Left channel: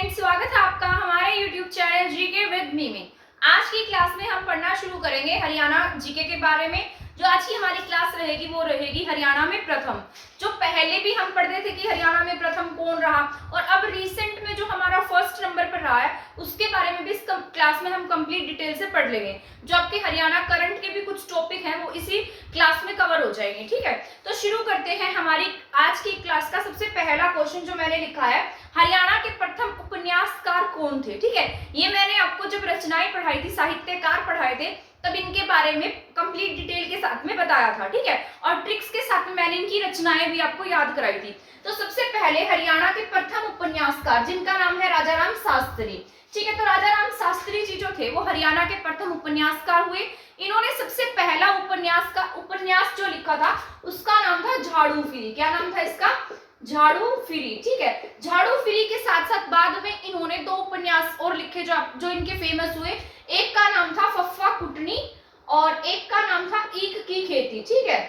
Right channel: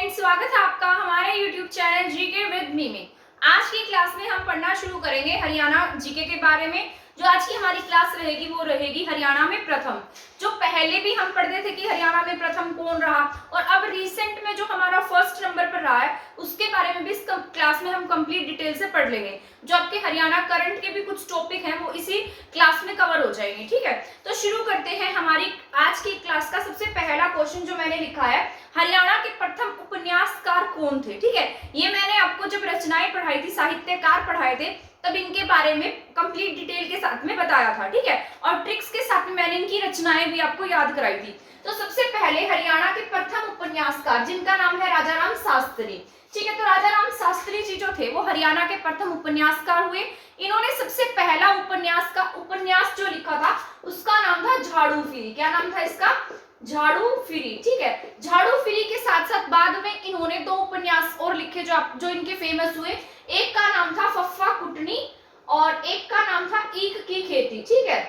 Friends, स्वागत है आपका हमारे YouTube channel GK with me में। आज की क्लास में हम पढ़ना शुरू करेंगे हरियाणा जीके के बारे में। जो आज की हमारी क्लास रहेगी वो रहेगी हरियाणा में प्रथम। जो पहले भी हम पढ़ते थे कि हरियाणा में प्रथम कौन रहा, और अब रिसेंट में जो हमारा फर्स्ट नंबर पर रहा है उसके बारे में भी इस क्लास में हम कंप्लीट डिटेल से पढ़ लेंगे। जो आपके हरियाणा करंट के भी कुछ टॉपिक हैं वो इसी क्लास में कवर हो जाएंगे। ठीक है, तो शुरू करते हैं हमारी आज की क्लास का। सबसे पहला क्वेश्चन जो मैंने लिखा है, हरियाणा के प्रथम उपन्यासकार कौन थे। ठीक है, ये मैंने आपको जब रचनाएं पढ़ाई थी, साहित्यकार पढ़ाए थे, तब इनके बारे में कंप्लीट डिटेल के साथ में बताया था। ठीक है, और ट्रिक्स के साथ में मैंने इनकी रचनाएं भी आपको याद कराई थी। तो सबसे पहले हरियाणा के प्रथम उपन्यासकार जिनका नाम है राजाराम शास्त्री। ठीक है, तो राजाराम शास्त्री जी जो थे वो हरियाणा के प्रथम उपन्यासकार हुए। इन्होंने सबसे पहला उपन्यास जो लिखा था उसका नाम था झाड़ू फिरी। क्या नाम था इसका? झाड़ू फिरी। ठीक है, झाड़ू फिरी के साथ साथ बाद में इन्होंने दो उपन्यास और लिखे जो इनके फेमस हुए। एक का नाम था फफ्फा कुटनी और एक का नाम था ईख की खेती। ठीक है,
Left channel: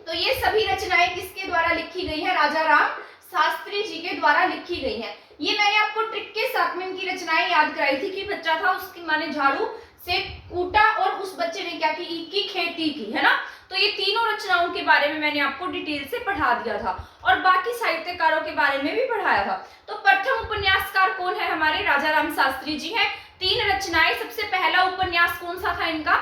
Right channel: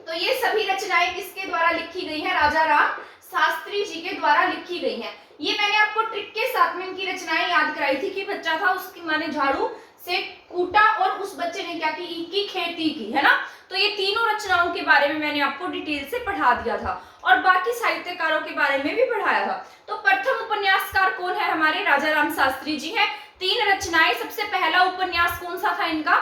तो ये सभी रचनाएं किसके द्वारा लिखी गई है? राजाराम शास्त्री जी के द्वारा लिखी गई हैं। ये मैंने आपको ट्रिक के साथ में इनकी रचनाएं याद कराई थी कि बच्चा था, उसकी माने झाड़ू से कूटा और उस बच्चे ने क्या की? ईख की खेती की, है ना। तो ये तीनों रचनाओं के बारे में मैंने आपको डिटेल से पढ़ा दिया था और बाकी साहित्यकारों के बारे में भी पढ़ाया था। तो प्रथम उपन्यासकार कौन है? हमारे राजाराम शास्त्री जी हैं। तीन रचनाएं, सबसे पहला उपन्यास कौन सा था इनका?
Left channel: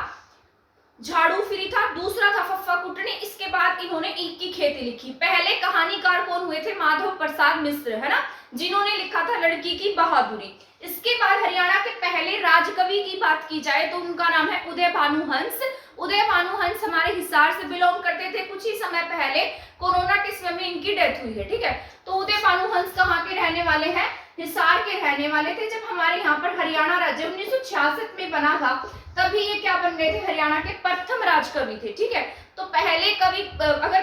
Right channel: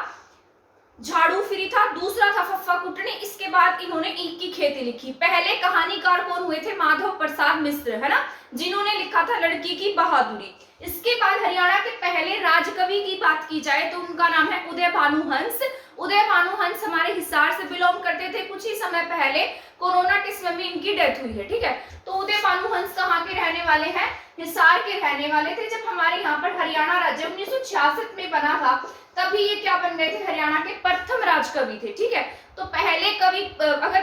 झाड़ू फिरी था। दूसरा था फफ्फा कुटनी। इसके बाद इन्होंने ईख की खेती लिखी। पहले कहानीकार कौन हुए थे? माधव प्रसाद मिश्र, है ना, जिन्होंने लिखा था लड़की की बहादुरी। इसके बाद हरियाणा के पहले राजकवि की बात की जाए तो उनका नाम है उदय भानु हंस। उदय भानु हंस हमारे हिसार से बिलोंग करते थे। कुछ ही समय पहले कोरोना के समय में इनकी डेथ हुई है। ठीक है, तो उदय भानु हंस कहाँ के रहने वाले हैं? हिसार के रहने वाले थे। जब हमारे यहाँ पर हरियाणा राज्य 1966 में बना था तभी ये क्या बन गए थे? हरियाणा के प्रथम राजकवि थे। ठीक है, तो पहले कवि, अगर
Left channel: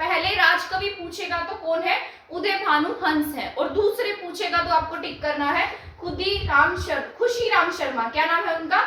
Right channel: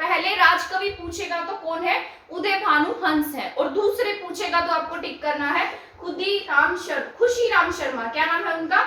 पहले राजकवि पूछेगा तो कौन है? उदय भानु हंस है। और दूसरे पूछेगा तो आपको टिक करना है खुशीराम शर्मा। क्या नाम है उनका?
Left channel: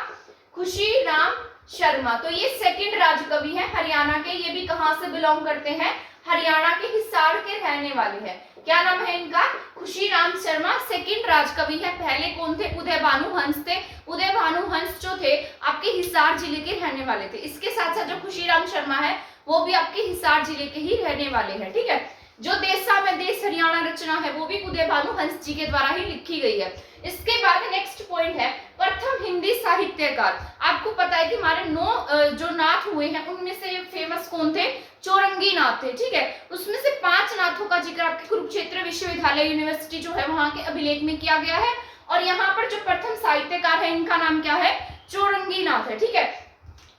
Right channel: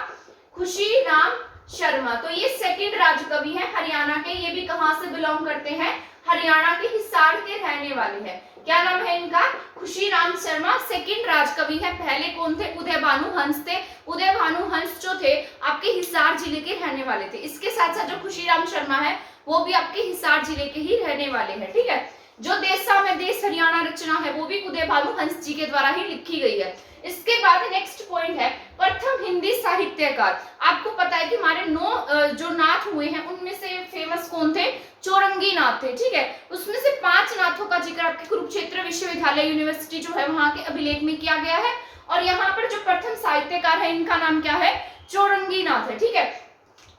खुशीराम शर्मा। तो ये सेकंड राजकवि हैं हरियाणा के। ये भी कहां से बिलोंग करते हैं? हरियाणा के हिसार के रहने वाले हैं। क्या नाम है इनका? खुशीराम शर्मा सेकंड राजकवि है। पहले कौन थे? उदय भानु हंस थे। उदय भानु हंस जो थे आपके हिसार जिले के रहने वाले थे। इसके साथ साथ जो खुशीराम शर्मा है वो भी आपके हिसार जिले के ही रहने वाले हैं। ठीक है, जो देशा में देश हरियाणा रचना है वो भी उदय भानु हंस जी के द्वारा ही लिखी गई है। इसके बाद नेक्स्ट पॉइंट है प्रथम हिंदी साहित्यकार। आपको पता है कि हमारे 9 जो नाथ हुए हैं उनमें से फेमस कौन थे? चौरंगी नाथ थे। ठीक है, उसमें से 5 नाथों का जिक्र आपके कुरुक्षेत्र विश्वविद्यालय यूनिवर्सिटी जो है वहां के अभिलेख में किया गया है। और यहाँ पर जो प्रथम साहित्यकार है इनका नाम क्या है? चौरंगी नाथ है। ठीक है,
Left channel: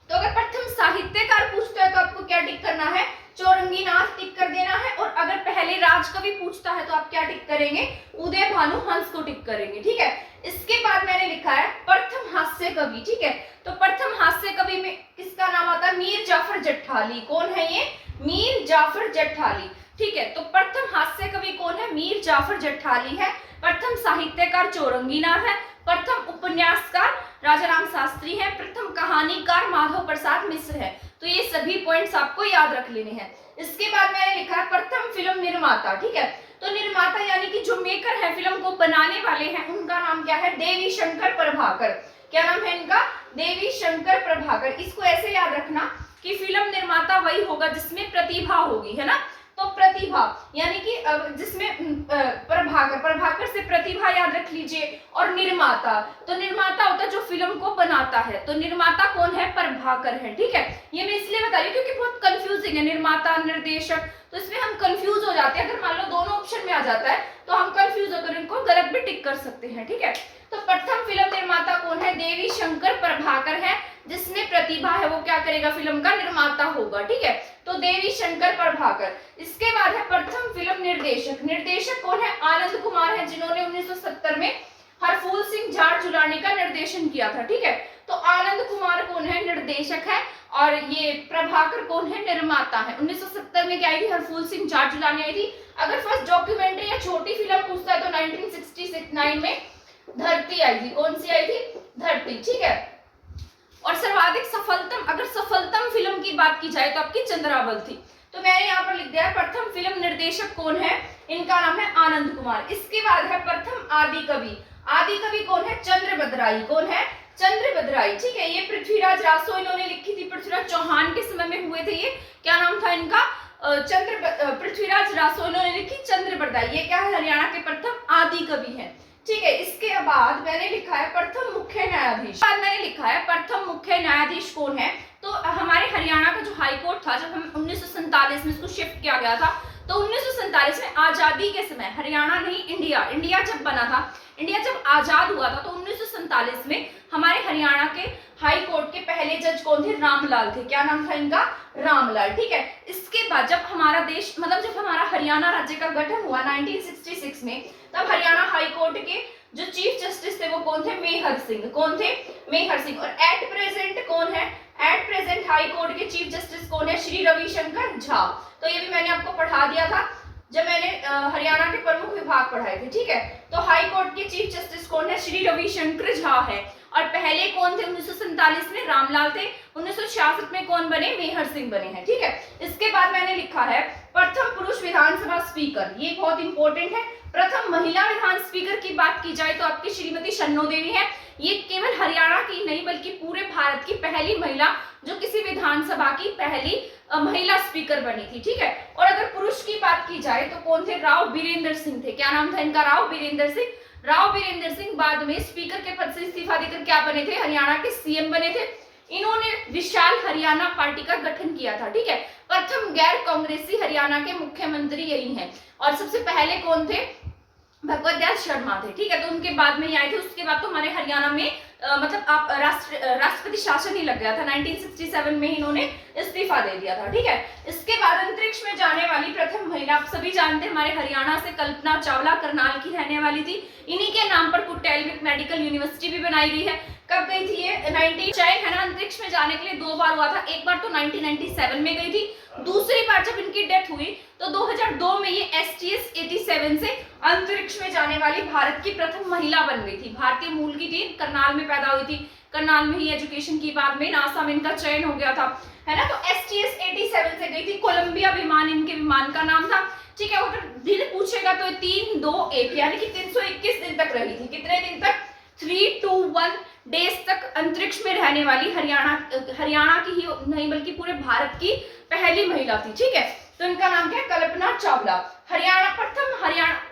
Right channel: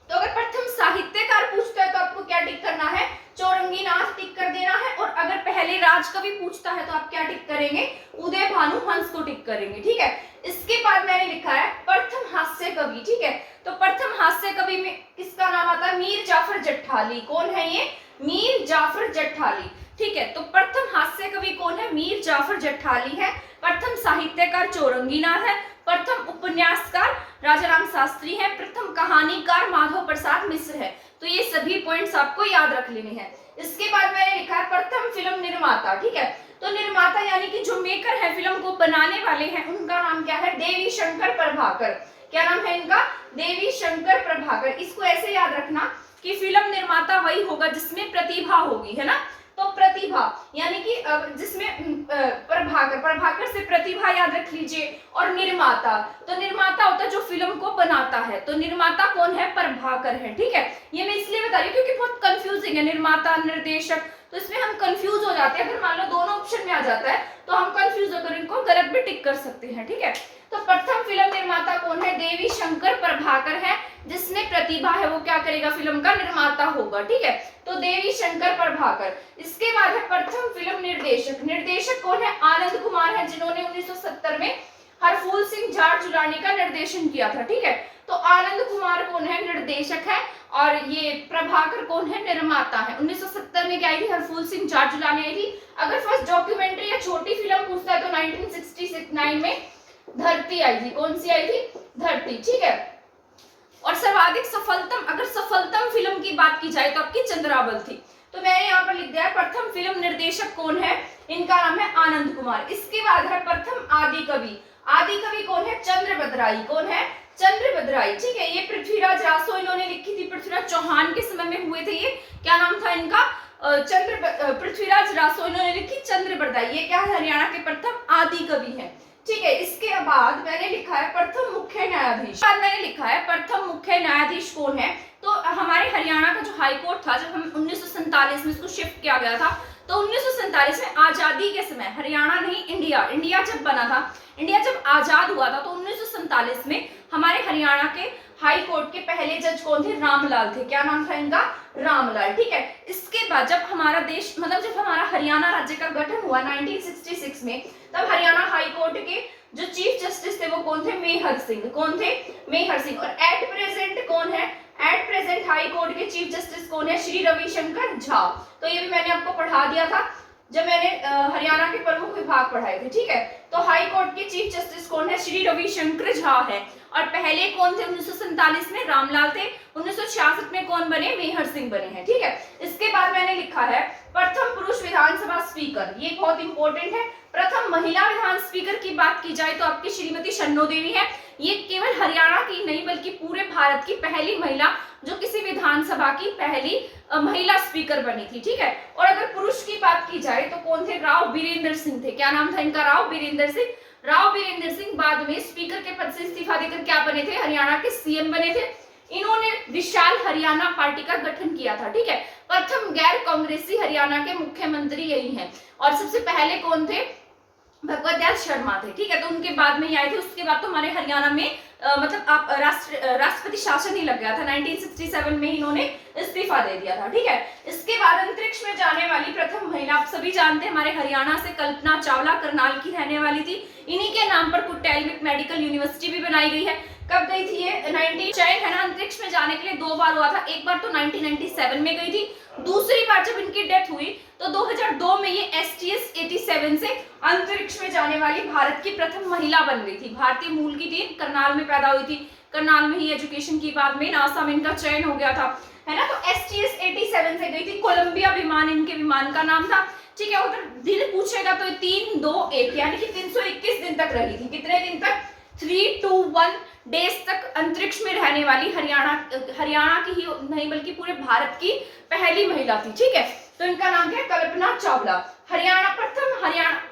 तो अगर प्रथम साहित्यकार पूछता है तो आपको क्या टिक करना है? चौरंगी नाथ टिक कर देना है। और अगर पहले राजकवि पूछता है तो आप क्या टिक करेंगे? उदय भानु हंस को टिक करेंगे। ठीक है, इसके बाद मैंने लिखा है प्रथम हास्य कवि। ठीक है, तो प्रथम हास्य कवि में किसका नाम आता है? मीर जाफर जट्ठाली। कौन है ये? मीर जाफर जट्ठाली। ठीक है, तो प्रथम हास्य कवि कौन है? मीर जाफर जट्ठाली है। प्रथम साहित्यकार चौरंगी नाथ है। प्रथम उपन्यासकार राजाराम शास्त्री हैं। प्रथम कहानीकार माधव प्रसाद मिश्र है। तो ये सभी पॉइंट्स आपको याद रख लेने हैं। इसके बाद मैंने लिखा है प्रथम फिल्म निर्माता। ठीक है, तो निर्माता यानी कि जो मेकर है, फिल्म को बनाने वाले हैं, उनका नाम क्या है? देवी शंकर प्रभाकर। क्या नाम है इनका? देवी शंकर प्रभाकर। इसको ऐसे याद रखना कि फिल्म निर्माता वही होगा जिसमें प्रतिभा होगी, है ना। तो प्रतिभा यानी कि जिसमें प्रभाकर से प्रतिभा याद रख लीजिए। और निर्माता, तो निर्माता होता है जो फिल्म को बनाता है। तो निर्माता कौन है? प्रभाकर है। ठीक है, ये मैं इसलिए बता रही हूँ क्योंकि बहुत कंफ्यूजिंग है निर्माता निर्देशक, तो इसमें हम कंफ्यूज हो जाते हैं। अगर मान लो दोनों ऑप्शन में आ जाता है तो हम कंफ्यूज होकर इनको गलत भी टिक कर सकते हैं। ठीक है, तो प्रथम फिल्म निर्माता कौन है? देवी शंकर प्रभाकर है। जिसमें प्रतिभा है वो क्या करेगा? फिल्म का निर्माता होगा। ठीक है, तो देवी शंकर प्रभाकर। इसके बाद है प्रथम फिल्म निर्देशक। निर्देशक कौन है? आनंद कुमार है, जिन्होंने 1970 में हरफूल सिंह झाड़झुलानी का निर्देशन किया था। ठीक है, तो आनंद कुमार कौन है? निर्देशक है। और ये प्रभाकर कौन है? निर्माता है। 1970 में क्या आई थी? हरफूल सिंह झाड़झुलानी आई थी। अगर फर्स्ट डॉक्यूमेंट्री या छोटी फिल्म पूछता है तो 1969 में धरती आई थी। कौन सी आई थी? धरती। ठीक है, और सर्वाधिक सफलतम, अगर सफलतम फिल्म की बात की जाए तो आपकी चंद्रावल थी। तो मैंने यहाँ पर लिख दिया है प्रथम फिल्म निर्देशक कौन है, इनका नाम है आनंद कुमार। इसके बाद है प्रथम आदि कवि। आदि कवि कौन है, चंद्रभद्राई। कौन है, चंद्रभद्राई। ठीक है, ये पृथ्वीराज रासो इन्होंने लिखी थी, पृथ्वीराज चौहान के समय में हुए थे ये। क्या नाम था इनका, पृथ्वीराज रासो इन्होंने लिखी चंद्रभद्राई। ये क्या है, हरियाणा के प्रथम आदि कवि है। ठीक है, इसके बाद मैंने लिखा है प्रथम मुख्य न्यायाधीश। बाद मैंने लिखा है प्रथम मुख्य न्यायाधीश कौन है। तो हमारे हरियाणा का जो हाई कोर्ट था, जब हम 1947 में इसको शिफ्ट किया गया था, तो 1947 में आजादी के समय, हरियाणा नहीं इंडिया जब बना था, इंडिया जब आजाद हुआ था, तो 1947 में हमारे हरियाणा के हाई कोर्ट के पहले जज कौन थे, रामलाल थे। क्या नाम था इनका, रामलाल। ठीक है, इसके बाद जब हमारा देश, मतलब जब हमारा हरियाणा राज्य का गठन हुआ 1966 में, तब हरियाणा हाई कोर्ट के जो चीफ जस्टिस थे वो कौन थे, मेहर सिंह। कौन थे, मेहर सिंह। और एट प्रेजेंट कौन है, एट प्रेजेंट हाई कोर्ट के चीफ जस्टिस कौन है, श्री रविशंकर झा। तो ये भी मैंने आपको पढ़ा दिया था जब मैंने हरियाणा के प्रमुख विभाग पढ़ाए थे। ठीक है, तो हाई कोर्ट के चीफ जस्टिस कौन है, श्री रविशंकर झा है। और पहले कौन थे, 1947 में रामलाल थे, 1966 में कौन बने, मेहर सिंह बने हैं। ठीक है, इसके बाद मैंने लिखा है प्रथम पुरुष विधानसभा स्पीकर। ये बहुत इंपॉर्टेंट है। प्रथम महिला विधान स्पीकर की बात की जाए तो आपकी श्रीमती शन्नो देवी है। ये केवल हरियाणा की नहीं बल्कि पूरे भारत की पहली महिला जो किसी विधानसभा की पहली महिला स्पीकर बनी थी। ठीक है, और अगर पुरुष की बात की जाए तो कौन थे, राव बीरेंद्र सिंह थे। क्या नाम था इनका, राव बीरेंद्र सिंह। राव बीरेंद्र सिंह बाद में स्पीकर के पद से इस्तीफा देकर क्या बने थे, हरियाणा के सीएम बने थे। इन्होंने विशाल हरियाणा पार्टी का गठन किया था। ठीक है, प्रथम गैर कांग्रेसी हरियाणा के मुख्यमंत्री यही हैं। और सबसे पहले कौन थे, भगवत दयाल शर्मा थे। ठीक है, तो उनके बाद में आए थे। उसके बाद तो हमारे हरियाणा में मतलब आप राष्ट्रपति शासन ही लग गया था। 1967 में इन्होंने इस्तीफा दे दिया था। ठीक है, इसके बाद अंतरिक्ष में जाने वाली प्रथम महिला आप सभी जानते हैं, हमारे हरियाणा से कल्पना चावला करनाल की रहने वाली थी। इन्हीं के नाम पर कुटेल मेडिकल यूनिवर्सिटी भी बनाई गई है। कब गई थी ये, 19 चयन है ना अंतरिक्ष में जाने के लिए 2 बार हुआ था। एक बार तो 1997 में गई थी, दूसरी बार जब इनकी डेथ हुई तो 2002 में ये STS-87 से अंतरिक्ष में जाने वाली भारत की प्रथम महिला बन गई थी। भारतीय मूल की थी, करनाल में पैदा हुई थी, करनाल में ही एजुकेशन की, बाद में नासा में इनका चयन हो गया था, है ना। तो STS-87 से गई थी। कोलंबिया विमान इनके विमान का नाम था। ठीक है, अगर दिन पूछेगा तो 3, 2, 1 यानी कि 321 दिन तक रही थी। कितने दिन तक, 321 डेज तक अंतरिक्ष में रहने वाली हरियाणा की ही नहीं बल्कि पूरे भारत की पहली महिला थी। ठीक है, तो इनका नाम क्या है, कल्पना चावला। हरियाणा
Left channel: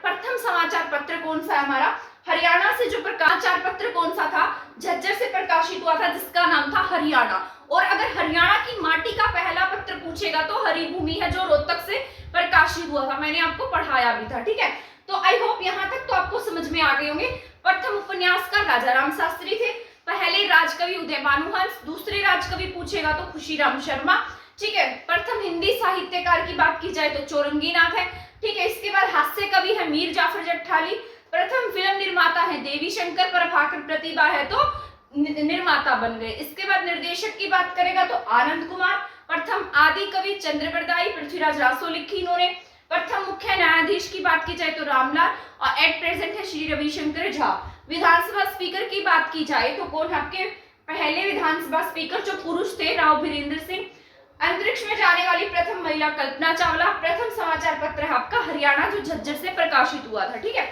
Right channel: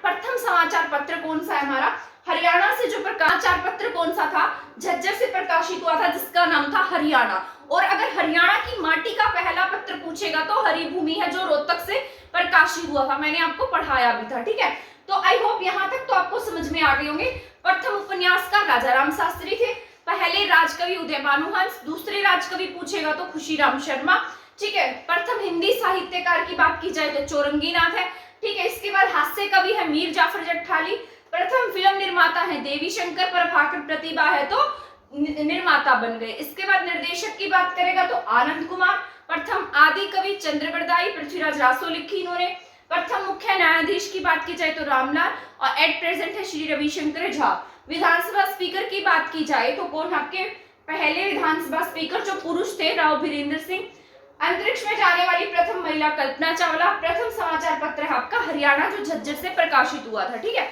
प्रथम समाचार पत्र कौन सा है हमारा, हरियाणा से जो समाचार पत्र कौन सा था, झज्जर से प्रकाशित हुआ था, जिसका नाम था हरियाणा। और अगर हरियाणा की माटी का पहला पत्र पूछेगा तो हरिभूमि है, जो रोहतक से प्रकाशित हुआ था। मैंने आपको पढ़ाया भी था। ठीक है, तो आई होप यहाँ तक तो आपको समझ में आ गए होंगे। प्रथम उपन्यासकार राजा राम शास्त्री थे। पहले राजकवि उदय भानुहंस, दूसरे राजकवि पूछेगा तो खुशीराम शर्मा। ठीक है, प्रथम हिंदी साहित्यकार की बात की जाए तो चौरंगीनाथ है। ठीक है, इसके बाद हास्य कवि है मीर जाफर जट्ठाली। प्रथम फिल्म निर्माता है देवी शंकर, प्रभाकर प्रतिभा है तो निर्माता बन गए। इसके बाद निर्देशक की बात करेगा तो आनंद कुमार। प्रथम आदि कवि चंद्रबरदाई, पृथ्वीराज रासो लिखी इन्होंने। प्रथम मुख्य न्यायाधीश की बात की जाए तो रामलाल, और एट प्रेजेंट है श्री रविशंकर झा। विधानसभा स्पीकर की बात की जाए तो कौन, आपके पहले विधानसभा स्पीकर जो पुरुष थे, राव बीरेंद्र सिंह। अंतरिक्ष में जाने वाली प्रथम महिला कल्पना चावला। प्रथम समाचार पत्र है आपका हरियाणा, जो झज्जर से प्रकाशित हुआ था। ठीक है,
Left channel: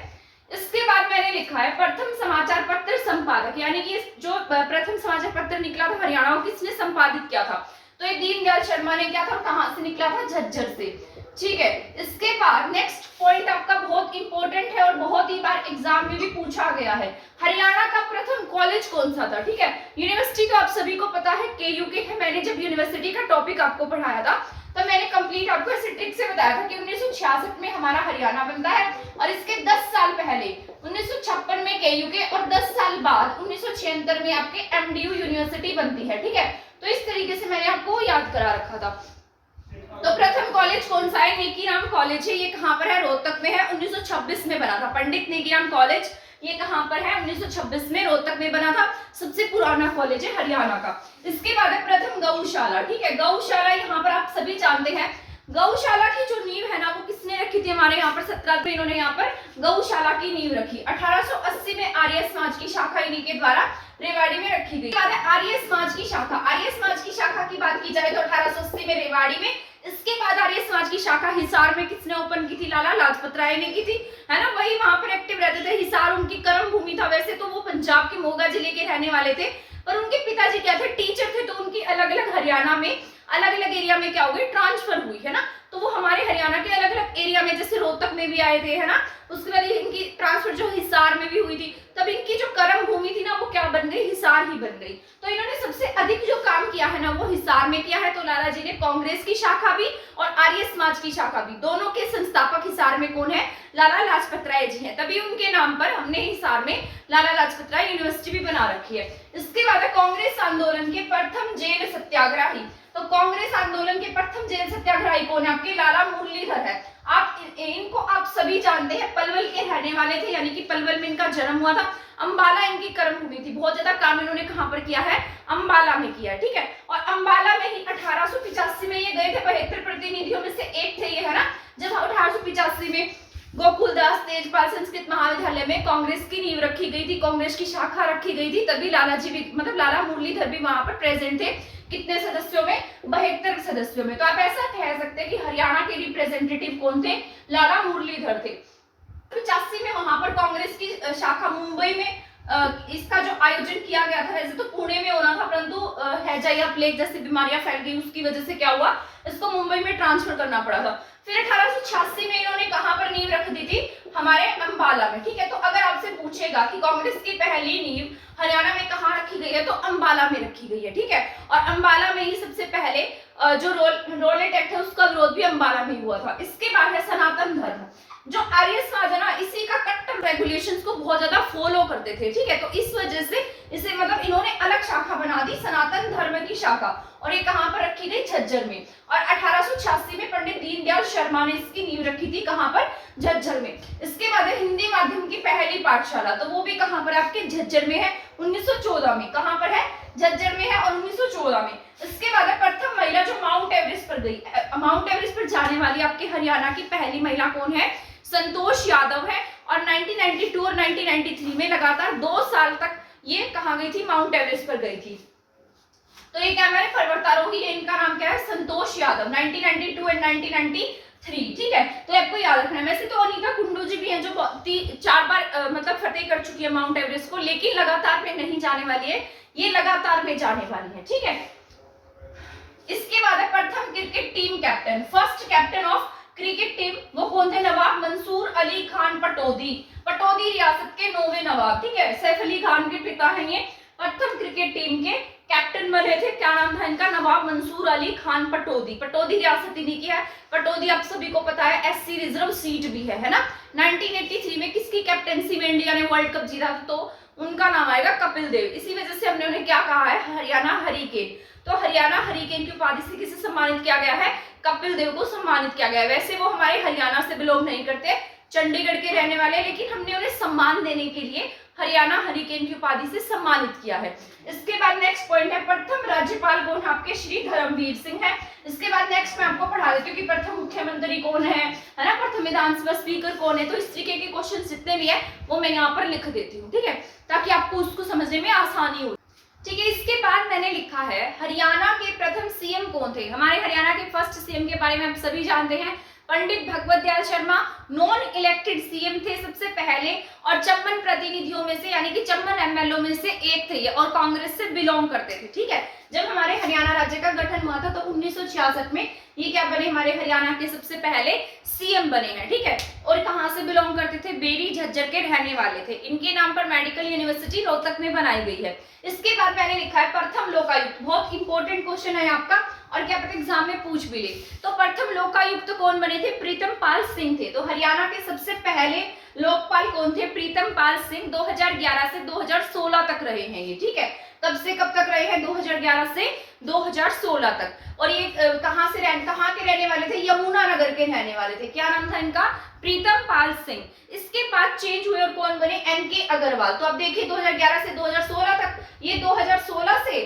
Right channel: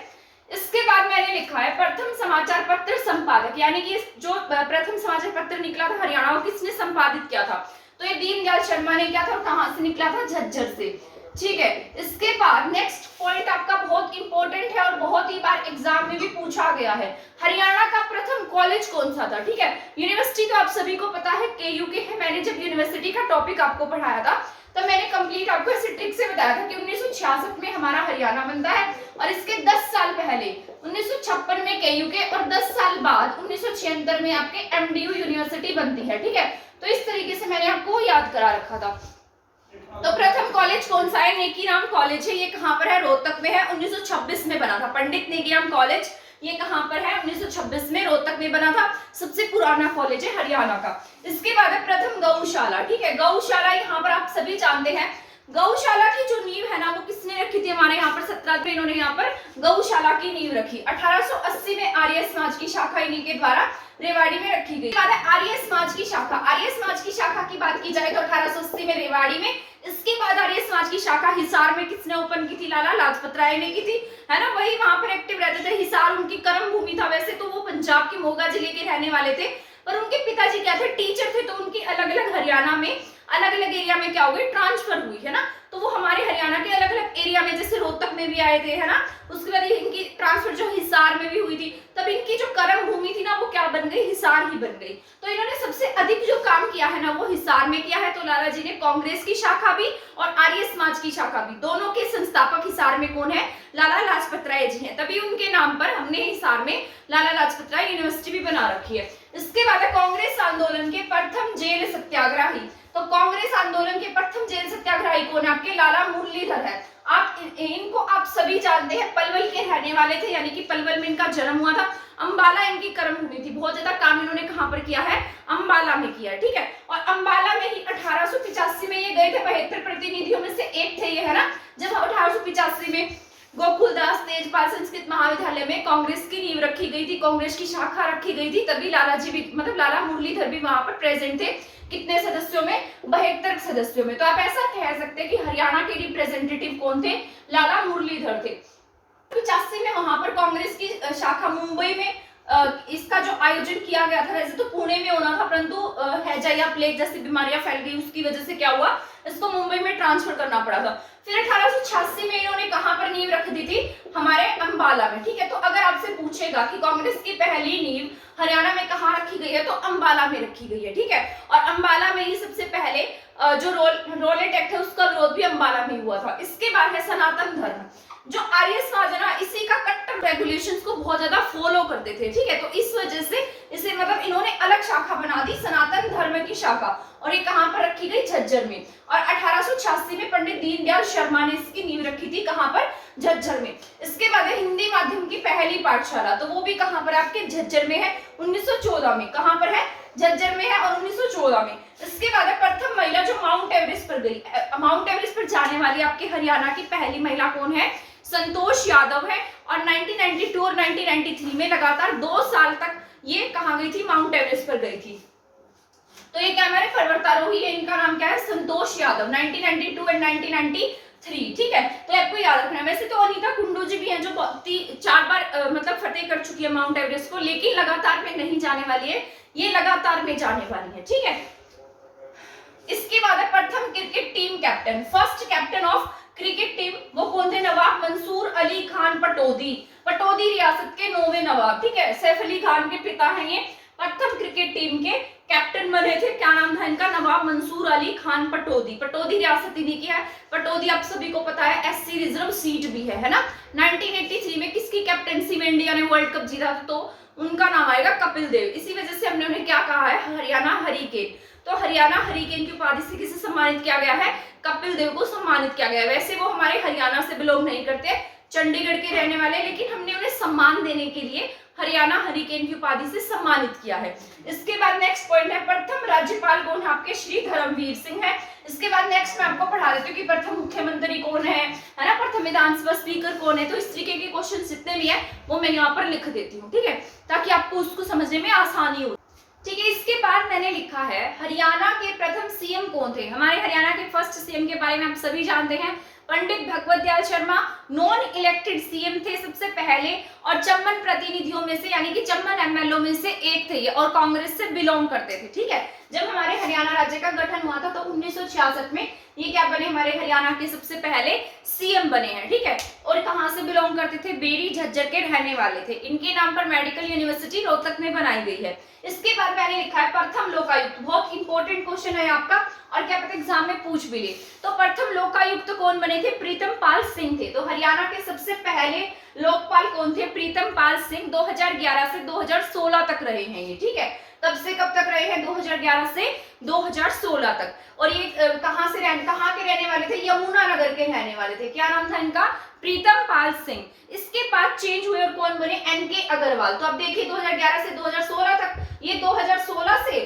इसके बाद मैंने लिखा है प्रथम समाचार पत्र संपादक, यानी कि जो प्रथम समाचार पत्र निकला था हरियाणा, वो किसने संपादित किया था, तो ये दीनदयाल शर्मा ने किया था। और कहां से निकला था, झज्जर से। ठीक है, इसके बाद नेक्स्ट पॉइंट आपका बहुत इंपॉर्टेंट है और बहुत ही बार एग्जाम में भी पूछा गया है, हरियाणा का प्रथम कॉलेज कौन सा था। ठीक है, यूनिवर्सिटी तो आप सभी को पता है KUK है। मैंने जब यूनिवर्सिटी का टॉपिक आपको पढ़ाया था तो मैंने कंप्लीट आपको ऐसे ट्रिक से बताया था कि 1966 में हमारा हरियाणा बनता है, और इसके 10 साल पहले 1956 में KUK, और 10 साल बाद 1976 में आपके MDU यूनिवर्सिटी बनती है। ठीक है, तो इस तरीके से मैंने आपको याद करा रखा था। तो प्रथम कॉलेज कौन सा है, नेकीराम कॉलेज है। ये कहाँ पर है, रोहतक में है। 1926 में बना था पंडित नेकीराम कॉलेज। ये कहाँ पर है, 1926 में रोहतक में बना था। सबसे पुराना कॉलेज है हरियाणा का। इसके बाद है प्रथम गौशाला। ठीक है, गौशाला यहाँ पर आप सभी जानते हैं। गौशाला की जो नींव है ना, वो किसने रखी थी, हमारे यहाँ पर 17 में इन्होंने यहाँ पर गौशाला की नींव रखी। 1880 में आर्य समाज की शाखा इन्हीं के द्वारा रेवाड़ी में रखी गई। आर्य समाज की शाखा, आर्य समाज की शाखा की बात की जाए तो 1880 में रेवाड़ी में इसके बाद आर्य समाज की शाखा हिसार में किसने ओपन की थी? लाला लाजपत राय ने की थी, है ना। वही वहां पर एक्टिव रहते थे। हिसार उनकी कर्म भूमि था। वैसे तो वो पंजाब के मोगा जिले के रहने वाले थे, पर उनके पिताजी क्या थे? टीचर थे। तो उनकी अलग अलग हरियाणा में अलग अलग एरिया में क्या हो गई? ट्रांसफर हुई, है ना। तो वो हमारे हरियाणा के अलग अलग एरिया में, जैसे रोहतक में भी आए थे, है ना। उसके बाद इनकी ट्रांसफर जो हिसार में भी हुई थी, तब इनकी जो कर्म भूमि थी ना, वो क्या बन गई? हिसार ही बन गई। तो इन्होंने सबसे अधिक जो काम किया है ना, वो हिसार में किया है। तो लाला जी ने कांग्रेस की शाखा भी और आर्य समाज की शाखा भी, दोनों के संस्थापक हिसार में कौन है? लाला लाजपत राय जी हैं। तभी उनके नाम पर हमने हिसार में लाला लाजपत राय यूनिवर्सिटी भी बना रखी है। इसके बाद कांग्रेस आंदोलन के प्रथम जेल सत्याग्रही। तो कांग्रेस आंदोलन के प्रथम जेल सत्याग्रही कौन है? आपके लाला मुरलीधर है। आप इनको आप सभी जानते हैं, पलवल के रहने वाले थे, यानी कि पलवल में इनका जन्म हुआ था। अंबाला इनकी कर्म भूमि थी। बहुत ज्यादा काम इन्होंने कहां पर किया है? अंबाला में किया है, ठीक है। और अंबाला में ही 1885 में ये गए थे। 72 प्रतिनिधियों में से एक थे ये, है ना। जब 1885 में गोकुलदास तेजपाल संस्कृत महाविद्यालय में कांग्रेस की नींव रखी गई थी, कांग्रेस की शाखा रखी गई थी, तभी लाला जी भी, मतलब लाला मुरलीधर भी वहां पर प्रेजेंट थे। कितने सदस्यों में? 72 सदस्यों में। तो आप ऐसा कह सकते हैं कि हरियाणा के रिप्रेजेंटेटिव कौन थे? लाला मुरलीधर थे। 85 में वहां पर कांग्रेस की शाखा मुंबई में इसका जो आयोजन किया गया था, वैसे तो पुणे में होना था, परंतु हैजा या प्लेग जैसी बीमारियां फैल गई, उसकी वजह से क्या हुआ? इसको मुंबई में ट्रांसफर करना पड़ा था। फिर 1886 में इन्होंने कहां पर नींव रख दी थी? हमारे अंबाला में, ठीक है। तो अगर आपसे पूछेगा कि कांग्रेस की पहली नींव हरियाणा में कहां रखी गई है, तो अंबाला में रखी गई है, ठीक है। और अंबाला में ही सबसे पहले जो रोलेट एक्ट है, उसका विरोध भी अंबाला में हुआ था। इसके बाद है सनातन धर्म। जो आर्य समाज है ना, इसी का कट्टर रेगुलेशंस को बहुत ज्यादा फॉलो करते थे, ठीक है। तो इस वजह से इसे, मतलब इन्होंने अलग शाखा बना दी, सनातन धर्म की शाखा, और ये कहां पर रखी गई? झज्जर में। और 1886 में पंडित दीनदयाल शर्मा ने इसकी नींव रखी थी, कहां पर? झज्जर में। इसके बाद है हिंदी माध्यम की पहली पाठशाला। तो वो भी कहां पर? आपके झज्जर में है, 1914 में। कहां पर है? झज्जर में है, और 1914 में। इसके बाद है प्रथम महिला जो माउंट एवरेस्ट पर गई। माउंट एवरेस्ट पर जाने वाली आपके हरियाणा की पहली महिला कौन है? संतोष यादव है। और 1992 और 1993 में लगातार 2 साल तक ये कहां गई थी? माउंट एवरेस्ट पर गई थी। तो ये क्या हमारे पर्वतारोही है, इनका नाम क्या है? संतोष यादव। 1992 एंड 1993, ठीक है। तो आपको याद रखना है। वैसे तो अनीता कुंडू जी भी हैं, जो 4 बार मतलब फतेह कर चुकी है माउंट एवरेस्ट को, लेकिन लगातार में नहीं जाने वाली है, ये लगातार में जाने वाली है, ठीक है। इसके बाद है प्रथम cricket team captain. First captain of cricket team वो कौन थे? नवाब मंसूर अली खान पटौदी। पटौदी रियासत के 9वें नवाब, ठीक है। सैफ अली खान के पिता हैं ये। प्रथम क्रिकेट टीम के कैप्टन बने थे। क्या नाम था इनका? नवाब मंसूर अली खान पटौदी। पटौदी रियासत इन्हीं की है। पटौदी आप सभी को पता है एससी रिजर्व सीट भी है ना। 1983 में किसकी कैप्टनसी में इंडिया ने वर्ल्ड कप जीता? तो उनका नाम आएगा कपिल देव। इसी वजह से हमने उन्हें क्या कहा है? हरियाणा हरिकेन। तो हरियाणा हरिकेन की उपाधि से किसे सम्मानित किया गया है? कपिल देव को सम्मानित किया गया है। वैसे वो हमारे हरियाणा से बिलोंग नहीं करते, चंडीगढ़ के रहने वाले, लेकिन हमने उन्हें सम्मान देने के लिए हरियाणा हरिकेन की उपाधि से सम्मानित किया है। इसके बाद नेक्स्ट पॉइंट है प्रथम राज्यपाल कौन है? आपके श्री धर्मवीर सिंह है। इसके बाद नेक्स्ट मैं आपको पढ़ा देती हूँ कि प्रथम मुख्यमंत्री कौन है ना, प्रथम विधानसभा स्पीकर कौन है। तो इस तरीके के क्वेश्चन जितने भी है वो मैं यहाँ पर लिख देती हूँ, ठीक है, ताकि आपको उसको समझने में आसानी हो, ठीक है। इसके बाद मैंने लिखा है हरियाणा के प्रथम सीएम कौन थे। हमारे हरियाणा के फर्स्ट सीएम के बारे में आप सभी जानते हैं, Pandit Bhagwat Dayal Sharma non elected CM थे सबसे पहले, और चम्बन प्रतिनिधियों में से यानी कि चम्बन एमएलओ में से एक थे ये, और कांग्रेस से बिलोंग करते थे, ठीक है। जब हमारे हरियाणा राज्य का गठन हुआ था तो 1966 में ये क्या बने? हमारे हरियाणा के सबसे पहले सीएम बने हैं, ठीक है। और कहां से बिलोंग करते थे? बेरी झज्जर के रहने वाले थे। इनके नाम पर मेडिकल यूनिवर्सिटी रोहतक में बनाई गई है। इसके बाद मैंने लिखा है प्रथम लोकायुक्त। बहुत इंपॉर्टेंट क्वेश्चन है आपका, और क्या पता एग्जाम में पूछ भी ले। तो प्रथम लोकायुक्त कौन बने थे? प्रीतम पाल सिंह थे। तो हरियाणा के सबसे पहले लोकपाल कौन थे? प्रीतम पाल सिंह। 2011 से 2016 तक रहे हैं ये, ठीक है। कब से कब तक रहे हैं? 2011 से 2016 तक। और ये कहां के रहने वाले थे? यमुनानगर के रहने वाले थे। क्या नाम था इनका? प्रीतम पाल सिंह। इसके बाद चेंज हुए और कौन बने? एनके अग्रवाल। तो अब देखिए 2011 से 2016 तक, ये 2016 से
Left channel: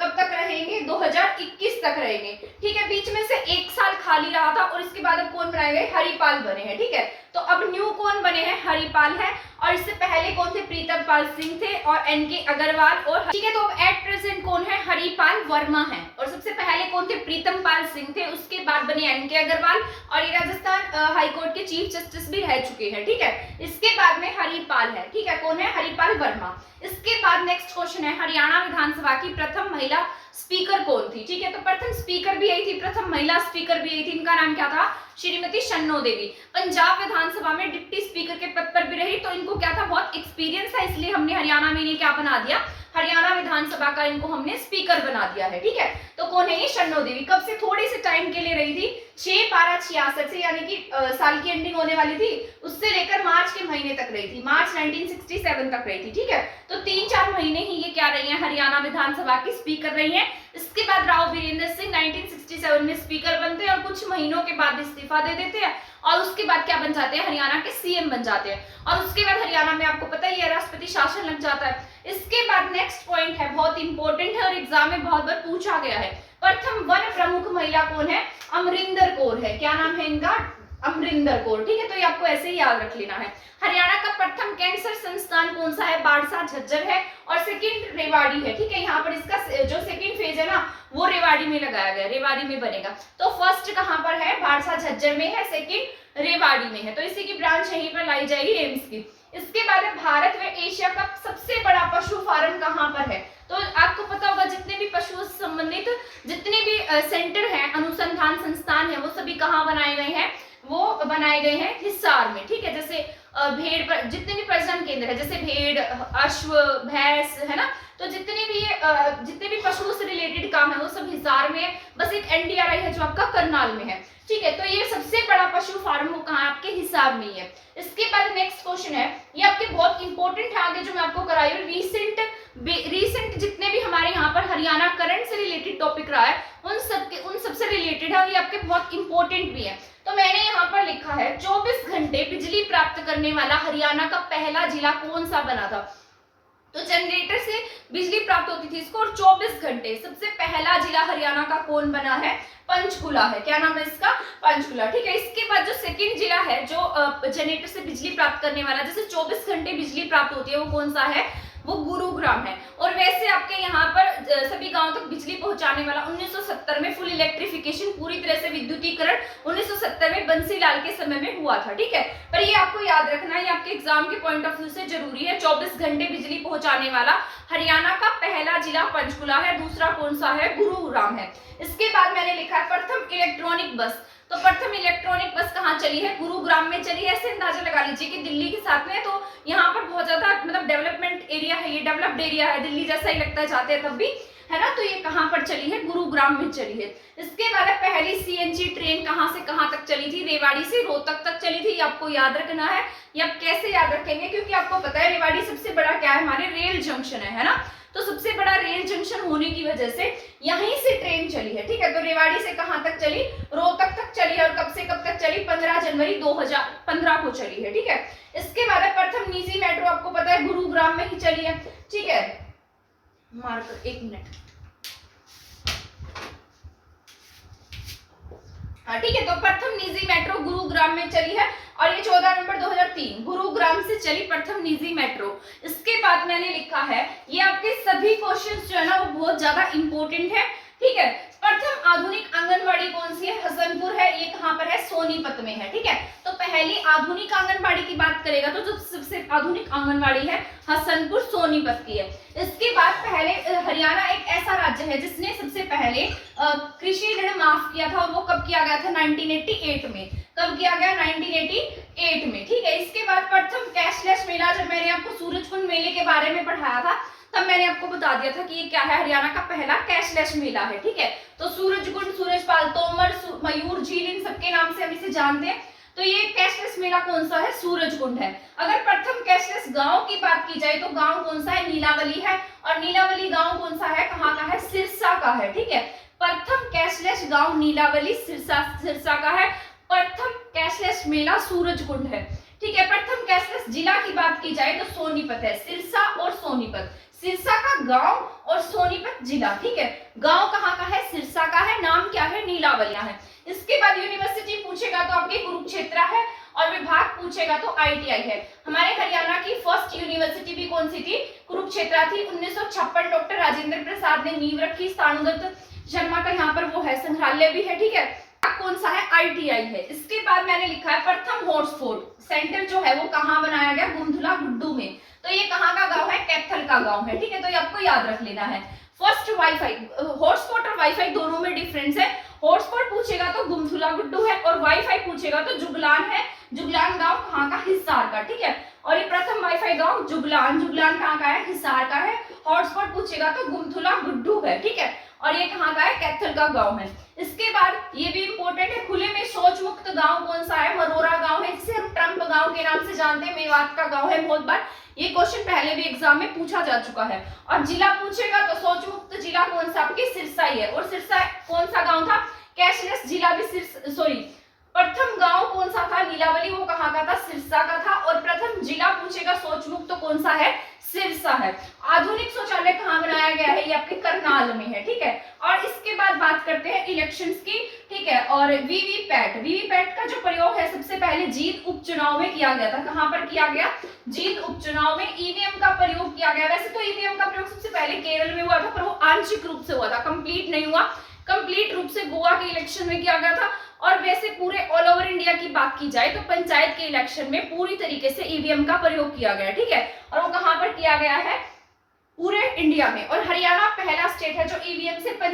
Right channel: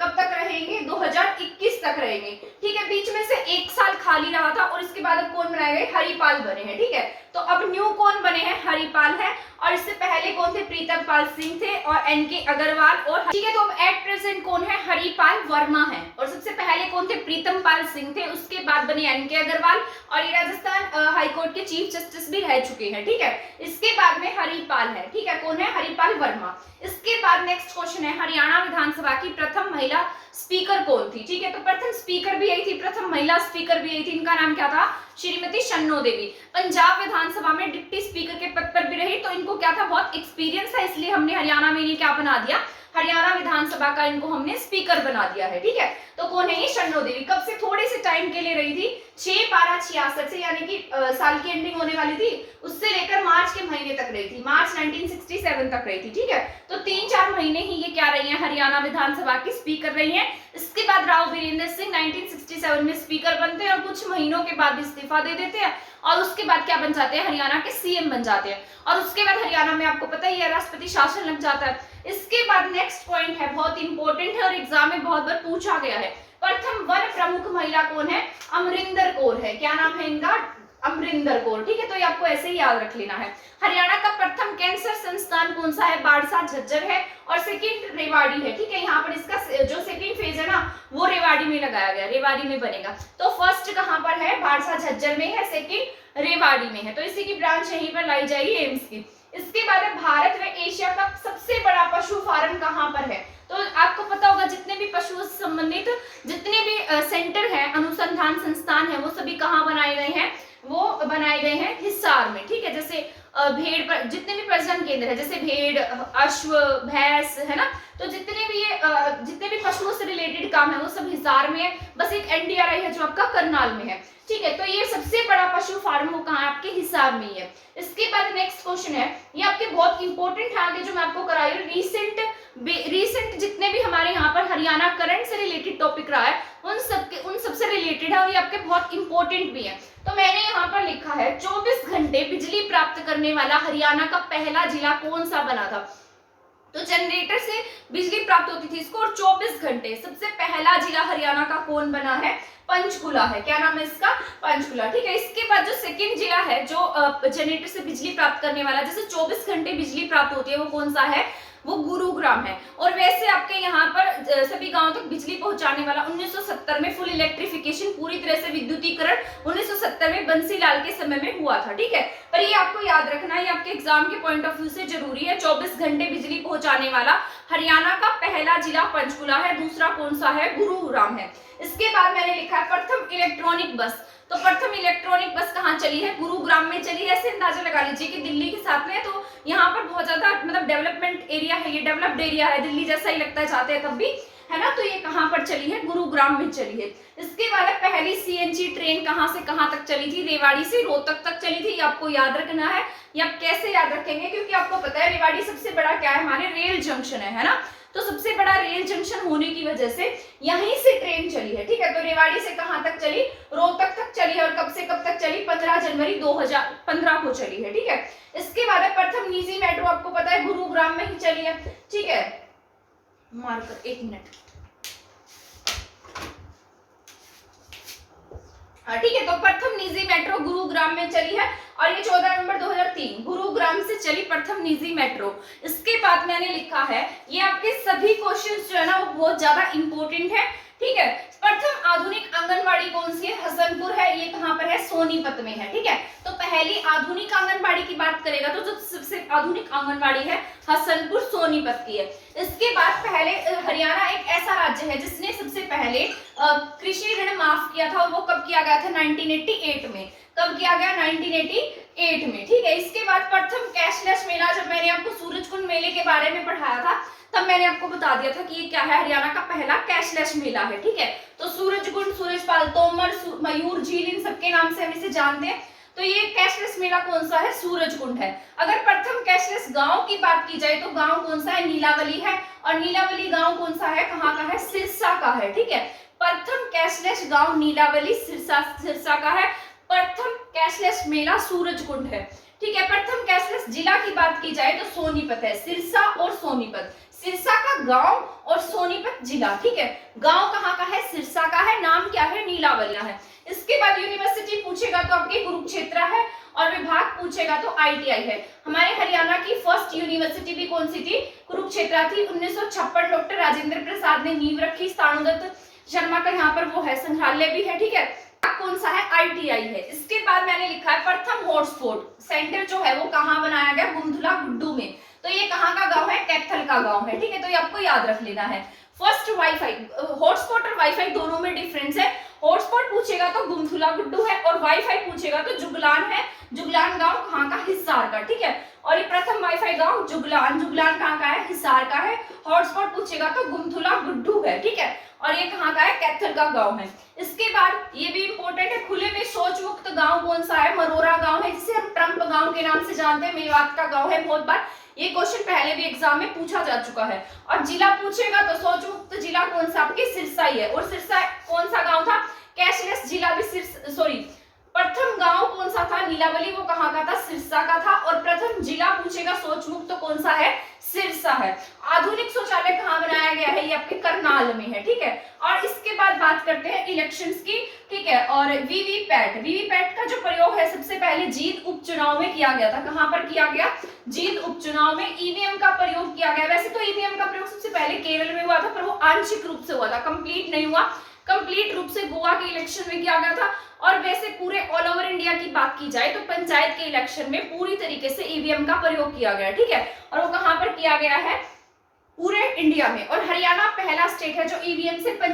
कब तक रहेंगे? 2021 तक रहेंगे, ठीक है। बीच में से 1 साल खाली रहा था, और इसके बाद अब कौन बनाए गए? हरिपाल बने हैं, ठीक है। तो अब न्यू कौन बने हैं? हरिपाल है। और इससे पहले कौन थे? प्रीतम पाल सिंह थे और एनके अग्रवाल और ठीक है। तो एट प्रेजेंट कौन है? हरिपाल वर्मा है। और सबसे पहले कौन थे? प्रीतम पाल सिंह थे, उसके बाद बने एनके अग्रवाल और ये राजस्थान हाईकोर्ट के चीफ जस्टिस भी रह चुके हैं, ठीक है। इसके बाद में हरिपाल है, ठीक है। कौन है? हरिपाल वर्मा। इसके बाद नेक्स्ट क्वेश्चन है, हरियाणा विधानसभा की प्रथम महिला स्पीकर कौन थी? ठीक है, तो प्रथम स्पीकर भी यही थी, प्रथम महिला स्पीकर भी यही थी। इनका नाम क्या था? श्रीमती शन्नो देवी। पंजाब विधानसभा में डिप्टी स्पीकर के पद पर भी रही, तो इनको क्या था? बहुत एक्सपीरियंस था, इसलिए हमने हरियाणा में ये क्या बना दिया? हरियाणा विधानसभा का इनको हमने स्पीकर बना दिया है, ठीक है। तो कौन है ये? शन्नो देवी। कब से? थोड़े से टाइम के लिए रही थी, 6/12/66 से, यानी कि साल की एंडिंग होने वाली थी उससे लेकर मार्च के महीने तक रही थी, मार्च 1967 तक रही थी, ठीक है। तो 3-4 महीने ही ये क्या रही है? हरियाणा विधानसभा की स्पीकर रही है। इसके बाद राव वीरेंद्र सिंह 1967 में स्पीकर बनते हैं और कुछ महीनों के बाद इस्तीफा दे देते हैं और उसके बाद क्या बन जाते हैं? हरियाणा के सीएम बन जाते हैं। और उसके बाद हरियाणा में आपको पता ही है राष्ट्रपति शासन लग जाता है। इसके बाद नेक्स्ट पॉइंट है, बहुत इंपॉर्टेंट है और एग्जाम में बहुत बार पूछा गया है। प्रथम वन प्रमुख महिला कौन है? अमरिंदर कौर है। क्या नाम है इनका? अमरिंदर कौर, ठीक है। तो ये आपको ऐसे ही याद रख लेना है। हरियाणा का प्रथम कैंसर संस्थान कौन सा है? बाड़सा झज्जर है और सेकंड रेवाड़ी है, ठीक है। यहाँ पर इसका जो सेकंड फेज है ना वो रेवाड़ी में लगाया गया, रेवाड़ी में बनेगा। तो फर्स्ट कहाँ पर है? बाड़सा झज्जर में है, सेकंड रेवाड़ी में है। तो इसी की ब्रांच यहीं पर लाई जाएगी एम्स की। इसके बाद है, भारत व एशिया का सबसे बड़ा पशु फार्म कहाँ पर है? तो आपको पता होगा जितने भी पशु संबंधित जितने भी सेंटर हैं, अनुसंधान संस्थान है, वो सभी कहाँ बनाए गए हैं? वो बनाए गए हैं हिसार में, ठीक है। जैसे भेड़ पर जितने भी प्रजनन केंद्र है, जैसे भेड़, अश्व, भैंस, है ना, तो जितने भी पशुओं से रिलेटेड काम है वो सब हिसार में है। बस एक एनडीआरआई है जो आपका करनाल में है, ठीक है। तो ये सबसे बड़ा पशु फार्म वो कहाँ है? आपके हिसार में ही है। इसके बाद नेक्स्ट क्वेश्चन है, ये आपके बहुत इंपॉर्टेंट है आगे जो मैं आपको कराई हूँ। रीसेंट जितने भी हमारे यहाँ पर हरियाणा करंट से रिलेटेड टॉपिक रहा है उन सबसे रिलेटेड है और ये आपके बहुत इंपॉर्टेंट भी है। तो मैंने यहाँ पर लिखा है 24 घंटे बिजली प्राप्त करने वाला हरियाणा का पहला जिला कौन सा बना था? तो जनरेटर से बिजली प्राप्त होती थी इसको और 24 घंटे सबसे पहला जिला हरियाणा का कौन बना है? पंचकुला है। क्या नाम है इसका? पंचकुला, ठीक है। इसके बाद जो सेकंड जिला है जो जनरेटर से बिजली प्राप्त करने वाला, जैसे 24 घंटे बिजली प्राप्त होती है, वो कौन सा है? वो गुरुग्राम है। और वैसे आपके यहाँ पर सभी गांवों तक बिजली पहुंचाने वाला 1970 में फुल इलेक्ट्रिफिकेशन, पूरी तरह से विद्युतीकरण 1970 में बंसीलाल के समय में हुआ था, ठीक है। पर ये आपको याद रखना है, ये आपके एग्जाम के पॉइंट ऑफ व्यू से जरूरी है। 24 घंटे बिजली पहुंचाने वाला हरियाणा का पहला जिला पंचकुला है, दूसरा कौन सा है? गुरुग्राम है। इसके बाद मैंने लिखा है प्रथम इलेक्ट्रॉनिक बस। तो प्रथम इलेक्ट्रॉनिक बस कहाँ चली है? गुरुग्राम में चली है। ऐसे अंदाजा लगा लीजिए कि दिल्ली के साथ में, तो यहाँ पर बहुत ज्यादा मतलब डेवलपमेंट एरिया है, ये डेवलप्ड एरिया है, दिल्ली जैसा ही लगता है जाते हैं तब भी, है ना। तो ये कहाँ पर चली है? गुरुग्राम में चली है। इसके बाद पहली सीएनजी ट्रेन कहाँ से कहाँ तक चली थी? रेवाड़ी से रोहतक तक चली थी। ये आपको याद रखना है। ये आप कैसे याद रखेंगे? क्योंकि आपको पता है रेवाड़ी सबसे बड़ा क्या है? हमारे रेल जंक्शन है ना। तो सबसे बड़ा रेल जंक्शन होने की वजह से यहीं से ट्रेन चली है, ठीक है। तो रेवाड़ी से कहां तक चली? रोहतक तक चली है। और कब से कब तक चली? 15 जनवरी 2015 को चली है, ठीक है। इसके बाद प्रथम निजी मेट्रो आपको पता है गुरुग्राम में ही चली है, ठीक है। मार्कर 1 मिनट, हाँ ठीक है। तो प्रथम निजी मेट्रो गुरुग्राम में चली है और ये 14 नवंबर 2003 गुरुग्राम से चली प्रथम निजी मेट्रो। इसके बाद मैंने लिखा है, ये आपके सभी क्वेश्चंस जो है ना वो बहुत ज्यादा इंपॉर्टेंट है, ठीक है। प्रथम आधुनिक आंगनबाड़ी कौन सी है? हसनपुर है। ये कहां पर है? सोनीपत में है, ठीक है। तो पहली आधुनिक आंगनबाड़ी की बात करेगा तो जो सबसे आधुनिक आंगनबाड़ी है हसनपुर सोनीपत की है। इसके बाद पहले हरियाणा एक ऐसा राज्य है जिसने सबसे पहले कृषि ऋण माफ किया था और वो कब किया गया था? 1988 में। कब किया गया? 1988 में, ठीक है। इसके बाद प्रथम कैशलेस मेला, जब मैंने आपको सूरजकुंड मेले के बारे में पढ़ाया था तब मैंने आपको बता दिया था कि ये क्या है? हरियाणा का पहला कैशलेस मेला है, ठीक है। तो सूरजकुंड, सूरजपाल, तोमर, मयूर झील, इन सबके नाम से हम इसे जानते हैं। तो ये कैशलेस मेला कौन सा है? सूरजकुंड है। अगर प्रथम कैशलेस गांव की बात की जाए तो गांव कौन सा है? नीलावली है। और नीलावली गांव कौन सा है? कहाँ का है? सिरसा का है, ठीक है। प्रथम कैशलेस गांव नीलावली सिरसा का है। प्रथम कैशलेस मेला सूरजकुंड है, ठीक है। प्रथम कैशलेस जिला की बात की जाए तो सोनीपत है। सिरसा और सोनीपत, सिरसा का गांव और सोनीपत जिला, ठीक है। गांव कहाँ का है? सिरसा का है। नाम क्या है? नीलावलिया है। इसके बाद यूनिवर्सिटी पूछेगा तो आपके कुरुक्षेत्र है और विभाग पूछेगा तो आईटीआई है। हमारे हरियाणा की फर्स्ट यूनिवर्सिटी भी कौन सी थी, कुरुक्षेत्र थी। 1956 डॉक्टर राजेंद्र प्रसाद ने नींव रखी। स्थानुदत्त शर्मा का यहाँ पर वो है संग्रहालय भी है, ठीक है। कौन सा है, ITI है। इसके बाद मैंने लिखा है प्रथम हॉटस्पॉट सेंटर जो है वो कहाँ बनाया गया, गुमथुला गुड्डू में। तो ये कहाँ का गांव है, कैथल का गांव है, ठीक है। तो ये आपको याद रख लेना है। फर्स्ट वाईफाई, हॉटस्पॉट और वाईफाई दोनों में डिफरेंस है। हॉटस्पॉट पूछेगा तो गुमथुला गुड्डू है, और वाईफाई पूछेगा तो जुगलान है। जुगलान गांव कहाँ का, हिसार का, ठीक है। और ये प्रथम वाईफाई गांव जुगलान, जुगलान कहाँ का है, हिसार का है। हॉटस्पॉट पूछेगा तो गुमथुला गुड्डू है, ठीक है। और ये कहाँ का है, कैथल का गांव है। इसके बाद ये भी इंपॉर्टेंट है, खुले में शौच मुक्त गांव कौन सा है, मरोरा गांव है, जिसे हम ट्रंप गांव के नाम से जानते हैं। मेवात का गांव है। बहुत बार ये क्वेश्चन पहले भी एग्जाम में पूछा जा चुका है। और जिला पूछेगा तो शौच मुक्त जिला कौन सा, आपके सिरसा ही है। और सिरसा कौन सा गांव था, कैशलेस जिला भी प्रथम गांव कौन सा था, नीलावली, वो कहाँ का था, सिरसा का था। और प्रथम जिला पूछेगा शौच मुक्त तो कौन सा है, सिरसा है। आधुनिक शौचालय कहाँ बनाया गया है, ये आपके करनाल में है, ठीक है। और इसके बाद बात करते हैं इलेक्शंस की, ठीक है। और वीवीपैट का जो प्रयोग है सबसे पहले जींद उपचुनाव में किया गया था। कहाँ पर किया गया, जींद उपचुनाव में। ईवीएम का प्रयोग किया गया, वैसे तो ईवीएम का प्रयोग सबसे पहले केरल में हुआ था, पर वो आंशिक रूप से हुआ था, कंप्लीट नहीं हुआ। कंप्लीट रूप से गोवा के इलेक्शन में किया गया था। और वैसे पूरे ऑल ओवर इंडिया की बात की जाए तो पंचायत के इलेक्शन में पूरी तरीके से ईवीएम का प्रयोग किया गया, ठीक है। और वो कहाँ पर किया गया है, पूरे इंडिया में। और हरियाणा पहला स्टेट है जो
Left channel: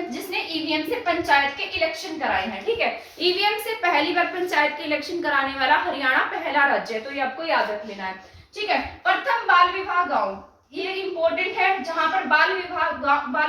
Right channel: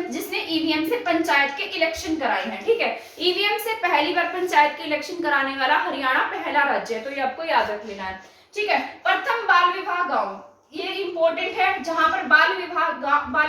जिसने ईवीएम से पंचायत के इलेक्शन कराए हैं, ठीक है। ईवीएम से पहली बार पंचायत के इलेक्शन कराने वाला हरियाणा पहला राज्य है, तो ये आपको याद रख लेना है, ठीक है। प्रथम बाल विवाह गांव, ये इंपॉर्टेंट है, जहां पर बाल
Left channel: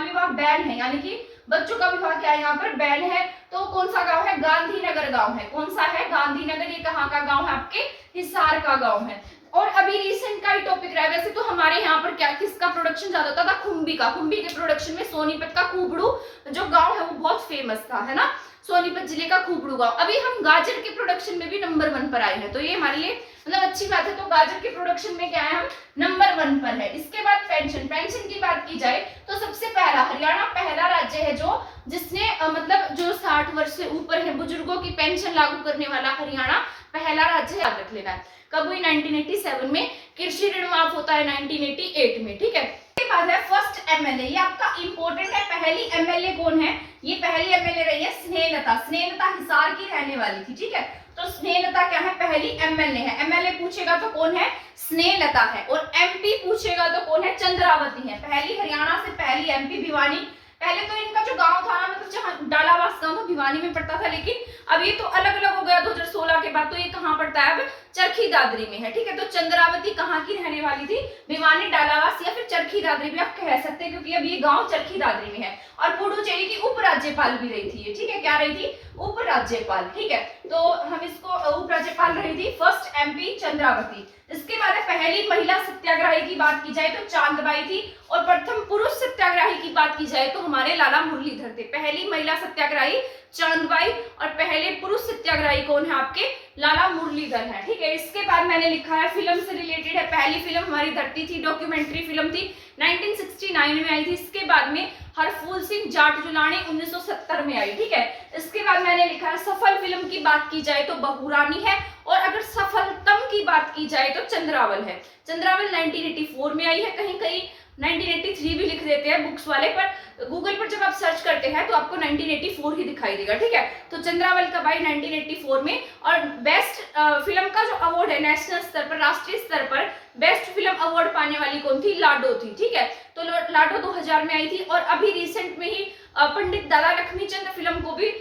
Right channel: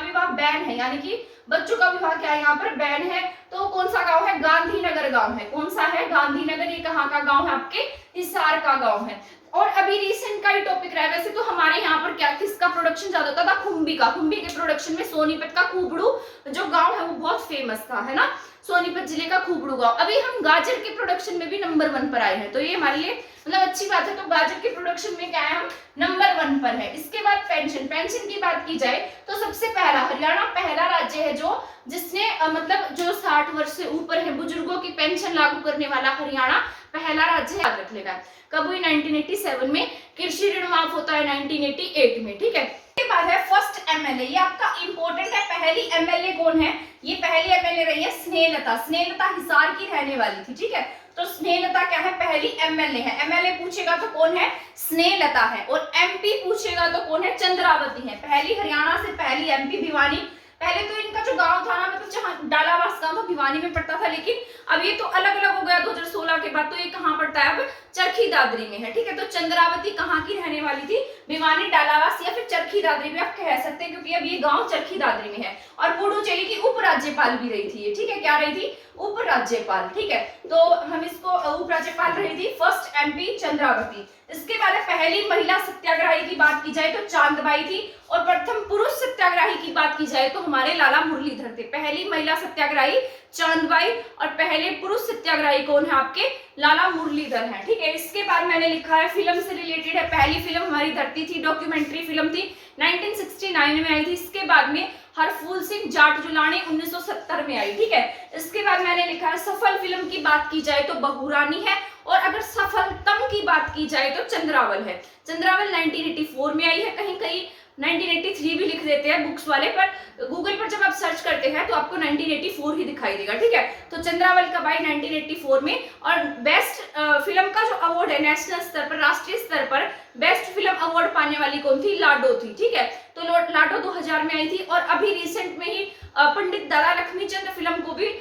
विवाह बैन है, यानी कि बच्चों का विवाह क्या है यहाँ पर बैन है। तो कौन सा गांव है, गांधीनगर गांव है। कौन सा है, गांधीनगर। ये कहाँ का गांव है, आपके हिसार का गांव है। और अभी रिसेंट का ही टॉपिक रहा है, वैसे तो हमारे यहाँ पर क्या किसका प्रोडक्शन ज्यादा होता था, खुम्बी का। खुम्बी के प्रोडक्शन में सोनीपत का खूबड़ू जो गांव है वो बहुत फेमस था, है ना, सोनीपत जिले का खूबड़ू गांव। अभी हम गाजर के प्रोडक्शन में भी नंबर 1 पर आए हैं, तो ये हमारे लिए मतलब अच्छी बात है। तो गाजर के प्रोडक्शन में क्या है, हम नंबर 1 पर है। इसके बाद पेंशन की बात की जाए तो सबसे पहला हरियाणा पहला राज्य है जो जिसने मतलब जो 60 वर्ष से ऊपर है बुजुर्गों की पेंशन लागू करने वाला हरियाणा पहला राज्य है, याद रख लेना है। कब हुई, 1987 में। कृषि ऋण माफ होता है 1988 में, ठीक है। इसके बाद है फर्स्ट एमएलए, ये आपका इंपॉर्टेंट है। पहली एमएलए कौन है, ये पहली एमएलए रही है स्नेहलता। स्नेहलता हिसार की रहने वाली थी, ठीक है। तो स्नेहलता क्या है, पहली एमएलए है। एमएलए पूछेगा तो कौन है, स्नेहलता है। और एमपी पूछेगा तो कौन है, चंद्रावती है। पहली हरियाणा से पहली एमपी भिवानी। पहले तो इनका जो गांव था ना, मतलब जहाँ डालावास गांव था भिवानी में पड़ता था, लेकिन अब ये तो अलग अलग हो गया 2016 के बाद। तो ये कहाँ पड़ता है, अब चरखी दादरी में है, ठीक है। तो चंद्रावती कहाँ की रहने वाली थी, भिवानी, डालावास या फिर चरखी दादरी भी आप कह सकते हैं, क्योंकि अब ये गांव चरखी दादरी में है। और पुडुचेरी की उपराज्यपाल भी रही थी ये, ठीक है। क्या रही थी, उपराज्यपाल, ठीक है। तो हम इसको उपराज्यपाल रही थी फर्स्ट एमपी चंद्रावती। इसके बाद पहली महिला सत्याग्रही की बात की जाए तो चांदबाई थी। और प्रथम पुरुष सत्याग्रही की बात की जाए तो हमारे लाला मुरलीधर थे। पहली महिला सत्याग्रही चांदबाई और पहले पुरुष सत्याग्रही कौन है, आपके लाला मुरलीधर हैं, ठीक है। इसके बाद मैंने लिखा है फिल्म से रिलेटेड है। पहली फिल्म हमारी धरती थी, डॉक्यूमेंट्री फिल्म थी, 1969 में आई थी। इसके बाद में हरफूल सिंह जाट जुलानी 1970 में आई, ठीक है। इसके बाद मैंने लिखा है सफल फिल्म की बात की जाए तो बहुरानी है। और अगर सफलतम की बात की जाए तो चंद्रावल है। चंद्रावल 1984 में आई है, कहीं कहीं 1983 भी लिख देते हैं बुक्स वाले, पर गूगल पर जब आप सर्च करते हैं तो आपको 1984 ही दिखाई देगा, ठीक है। तो चंद्रावल कब आई, 1984 में। और बेस्ट फिल्म का जो अवार्ड है नेशनल स्तर पर, राष्ट्रीय स्तर पर बेस्ट फिल्म अवार्ड पाने वाली कौन थी, लाडो थी, ठीक है। तो लाडो 2000 में आई थी। और अभी रिसेंट में ही पंडित दादा लक्ष्मीचंद फिल्म को भी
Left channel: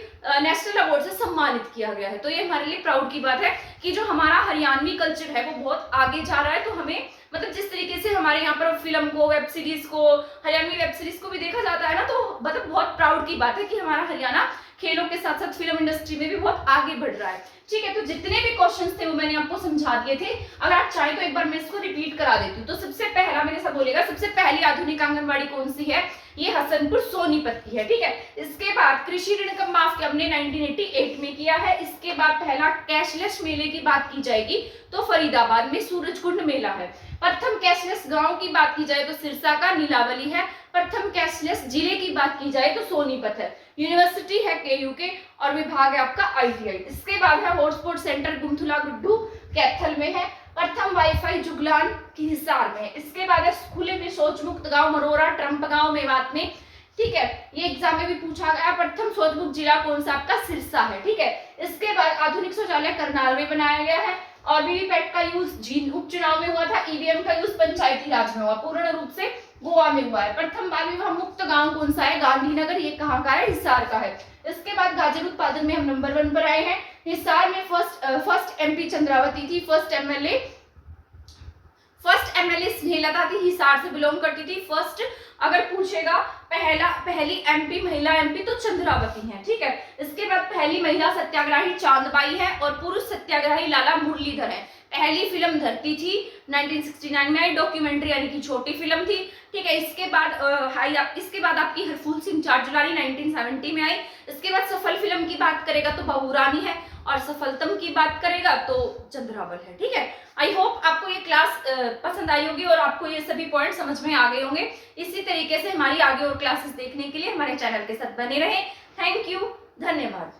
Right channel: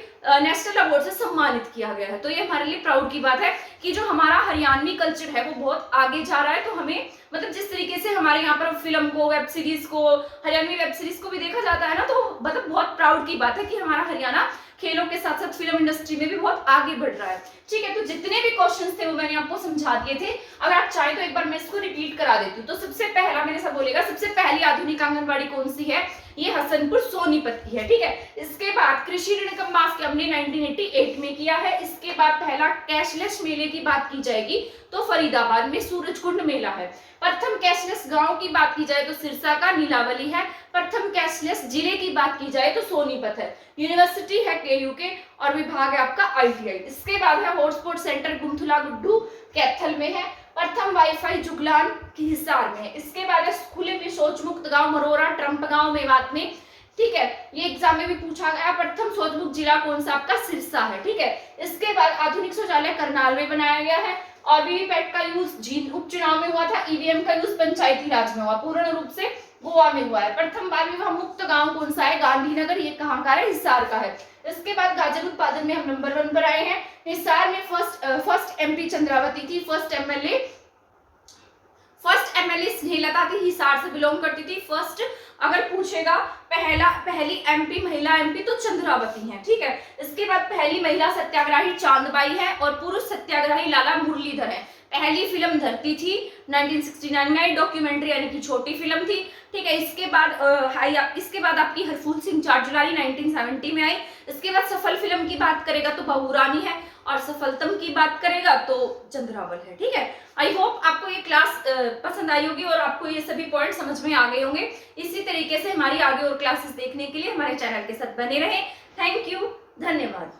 नेशनल अवार्ड से सम्मानित किया गया है। तो ये हमारे लिए प्राउड की बात है कि जो हमारा हरियाणवी कल्चर है वो बहुत आगे जा रहा है। तो हमें मतलब जिस तरीके से हमारे यहाँ पर फिल्म को, वेब सीरीज को, हरियाणवी वेब सीरीज को भी देखा जाता है ना, तो मतलब बहुत प्राउड की बात है कि हमारा हरियाणा खेलों के साथ साथ फिल्म इंडस्ट्री में भी बहुत आगे बढ़ रहा है, ठीक है। तो जितने भी क्वेश्चंस थे वो मैंने आपको समझा दिए थे। अगर आप चाहें तो एक बार मैं इसको रिपीट करा देती हूँ। तो सबसे पहला मेरे साथ बोलेगा, सबसे पहली आधुनिक आंगनबाड़ी कौन सी है, ये हसनपुर सोनीपत की है, ठीक है। इसके बाद कृषि ऋण कब माफ किया, हमने 1988 में किया है। इसके बाद पहला कैशलेस मेले की बात की जाएगी तो फरीदाबाद में सूरजकुंड मेला है। प्रथम कैशलेस गांव की बात की जाए तो सिरसा का नीलावली है। प्रथम कैशलेस जिले की बात की जाए तो सोनीपत है। यूनिवर्सिटी है KU के और विभाग है आपका ITI। इसके बाद है हॉटस्पॉट सेंटर गुमथुला गुड्डू कैथल में है। प्रथम वाईफाई जुगलान की हिसार में। इसके बाद है खुले में शौच मुक्त गांव मरोरा ट्रंप गांव मेवात में। ठीक है, ये एग्जाम में भी पूछा गया। प्रथम शौच मुक्त जिला कौन सा? आपका सिरसा है। ठीक है, इसके बाद आधुनिक शौचालय करनाल में बनाया गया है। और वीवीपैट का यूज जींद उपचुनाव में हुआ था। ईवीएम का यूज पंचायती राज में हुआ, पूर्ण रूप से गोवा में हुआ है। प्रथम बाल विवाह मुक्त गांव कौन सा है? गांधीनगर। ये कहाँ का है? हिसार का है। इसके बाद गाजर उत्पादन में हम नंबर 1 पर आए हैं। हिसार में फर्स्ट एमपी चंद्रावती थी। फर्स्ट एमएलए स्नेहलता थी, हिसार से बिलोंग करती थी। फर्स्ट अगर पूछेगा पहली एमपी महिला एमपी तो चंद्रावती है। ठीक है, इसके बाद पहली महिला सत्याग्रही चांदबाई है और पुरुष सत्याग्रही लाला मुरलीधर है। पहली फिल्म धरती थी 1969 में आई, डॉक्यूमेंट्री यानी कि छोटी फिल्म थी। ठीक है, इसके बाद आपकी हरफूल सिंह चारजुलारी 1970 में आई। इसके बाद सफल फिल्म की बात करेगा तो बहू रानी है और सफलतम की बात करेगा तो चंद्रावल है। ठीक है, आई होप आपको ये क्लास पसंद आई होगी और आपको ये सभी पॉइंट समझ में आ गए होंगे। इसी तरीके से हमारी आगे और क्लासेस देखने के लिए हमारे चैनल के साथ बने रहें। थैंक यू, धन्यवाद।